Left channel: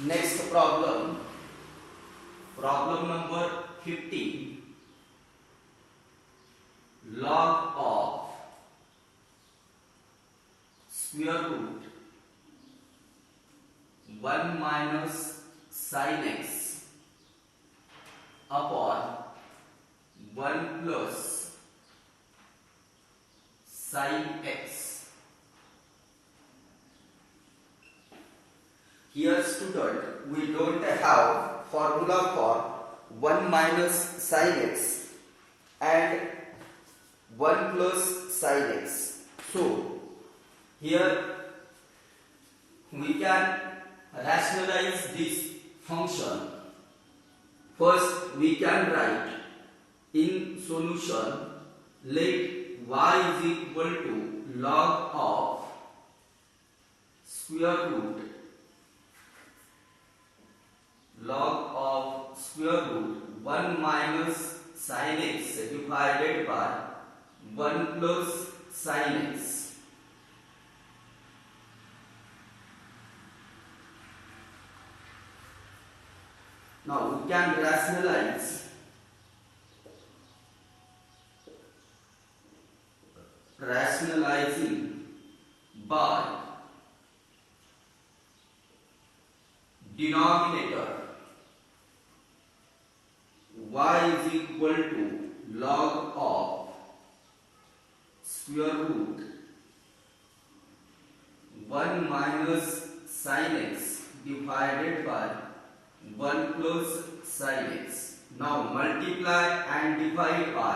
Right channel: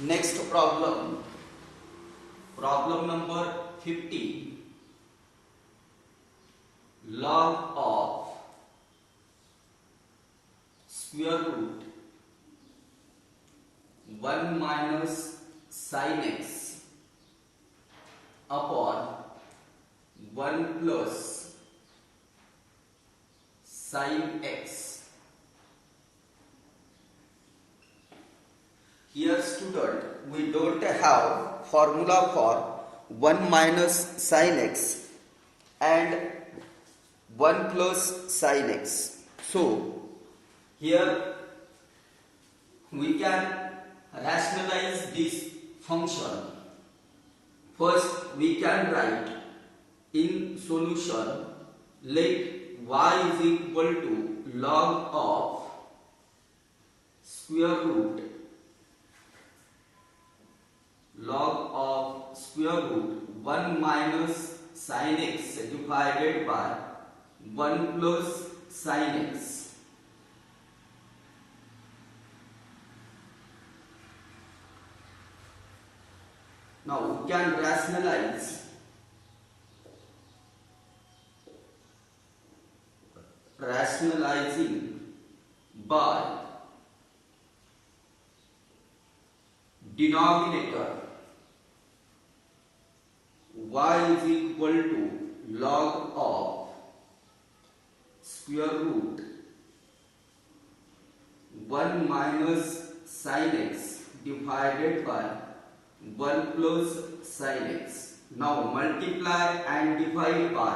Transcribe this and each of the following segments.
Next problem, problem number 50. Log of square root 1 minus sin x upon 1 plus sin x. Here student, we don't have formula for 1 minus sin x and 1 plus sin x. So here we can rationalize this function. First we can write in solution, let y is equal to log of square root 1 minus sin x divided by 1 plus sin x. Now we can rationalizing by denominator y is equal to log of square root 1 minus sin x divided by 1 plus sin x. Now multiply and divide by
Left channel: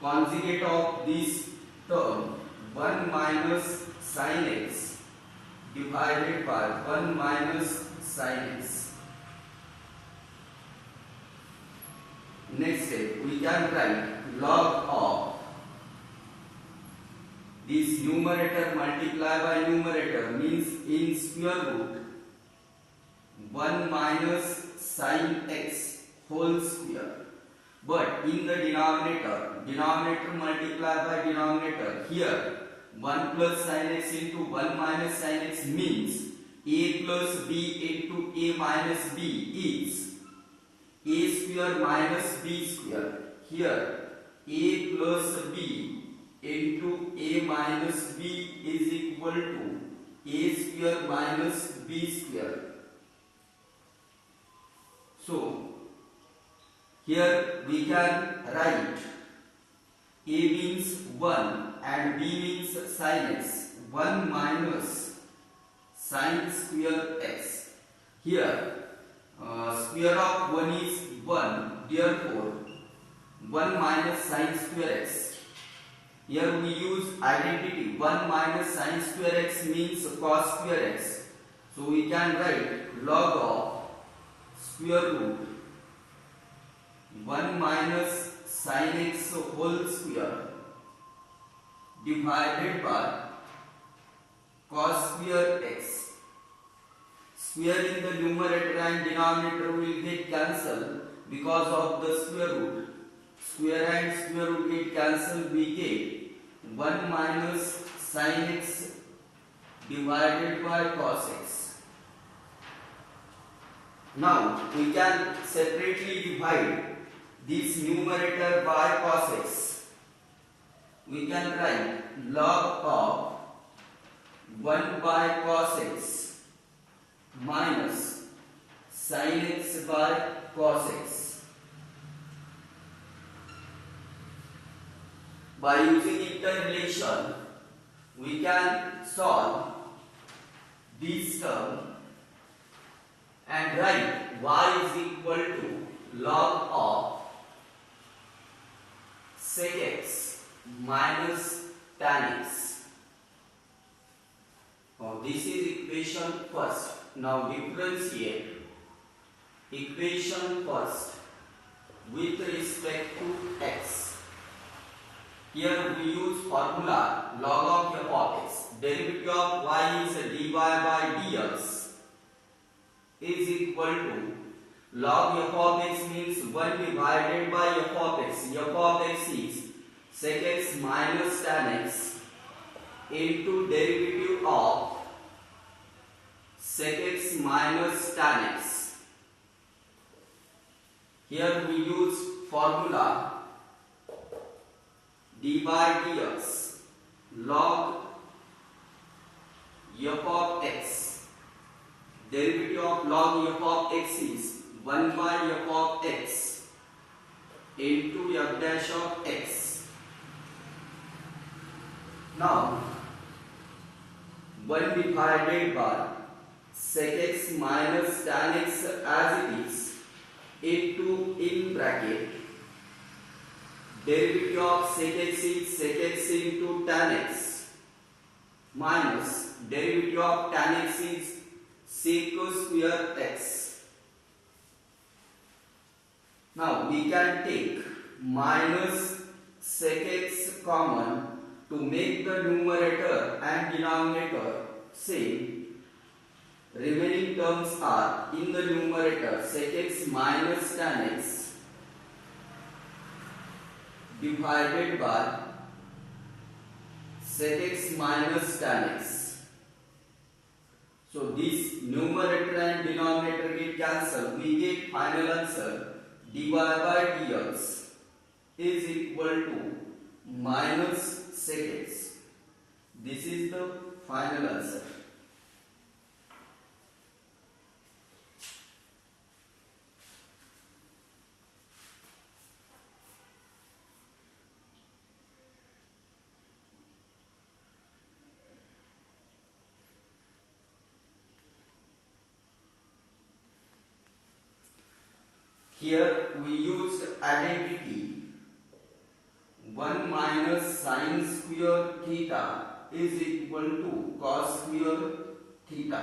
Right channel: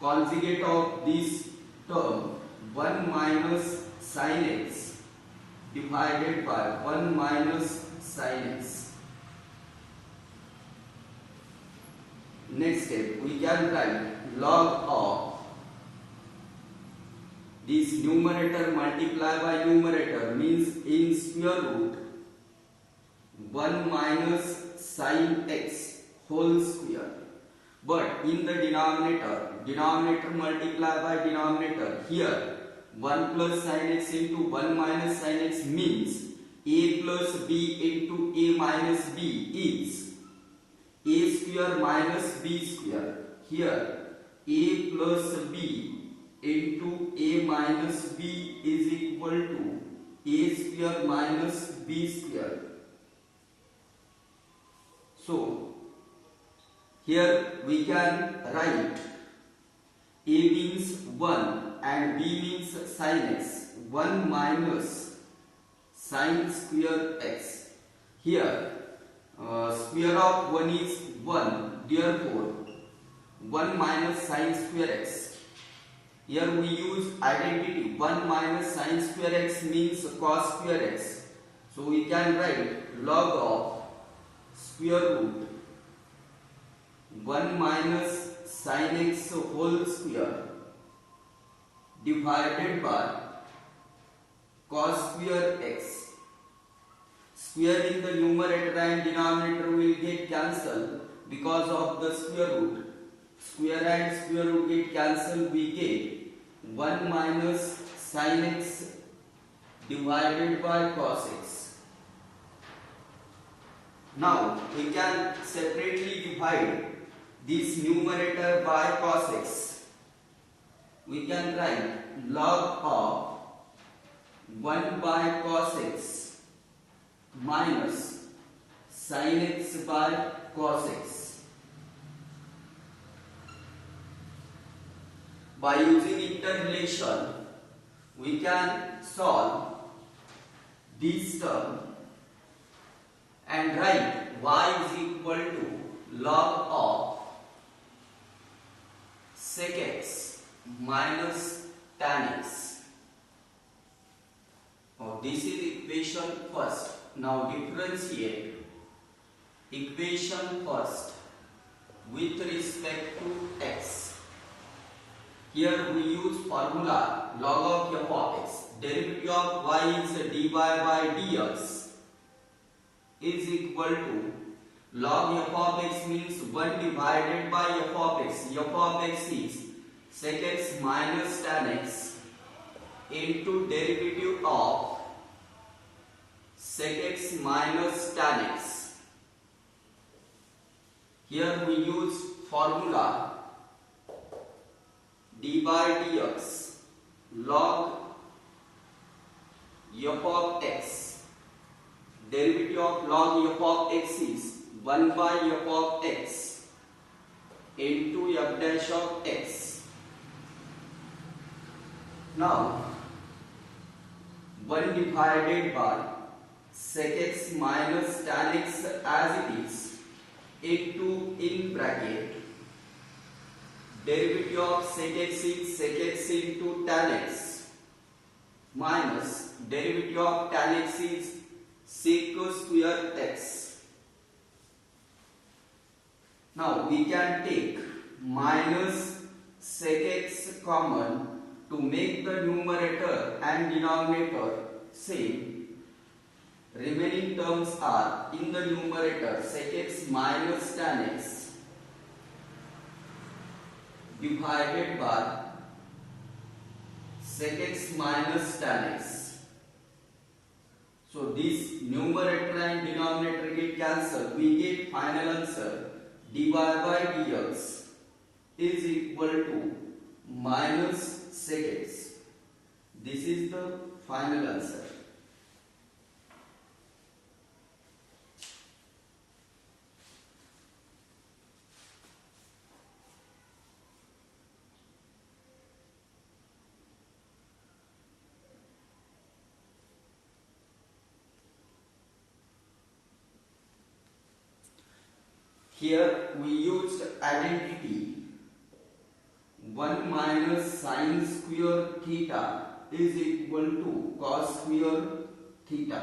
conjugate of this term 1 minus sin x divided by 1 minus sin x. Next step, we can write log of this numerator multiply by numerator means in square root 1 minus sin x whole square. But in the denominator multiply by denominator, here 1 plus sin x into 1 minus sin x means a plus b into a minus b is a square minus b square. Here a plus b into a minus b is equal to a square minus b square. So here we can write a means 1 and b means sin x. 1 minus sin square x. Here square of 1 is 1, therefore 1 minus sin square x. Here we use identity 1 minus sin square x means cos square x. So we can write log of square root 1 minus sin x whole square divided by cos square x. Square in the numerator and denominator will get cancelled because of the square root. Square and square root get cancelled, we get 1 minus sin x divided by cos x. Now we can separately divide this numerator by cos x. We can write log of 1 by cos x minus sin x by cos x. By using interrelation, we can solve this term and write y is equal to log of sec x minus tan x. Now this is equation first. Now differentiate equation first with respect to x. Here we use formula log of f of x. Derivative of y is dy by dx is equal to log f of x means 1 divided by f of x. F of x is sec x minus tan x into derivative of sec x minus tan x. Here we use formula d by dx log f of x. Derivative of log f of x is 1 by f of x into f dash of x. Now 1 divided by sec x minus tan x as it is into in bracket derivative of sec x is sec x into tan x minus derivative of tan x is sec square x. Now we can take minus sec x common to make the numerator and denominator same. Remaining terms are in the numerator sec x minus tan x divided by sec x minus tan x. So this numerator and denominator get cancelled. We get final answer dy by dx is equal to minus sec x. This is the final answer. Here we used identity 1 minus sin square theta is equal to cos square theta.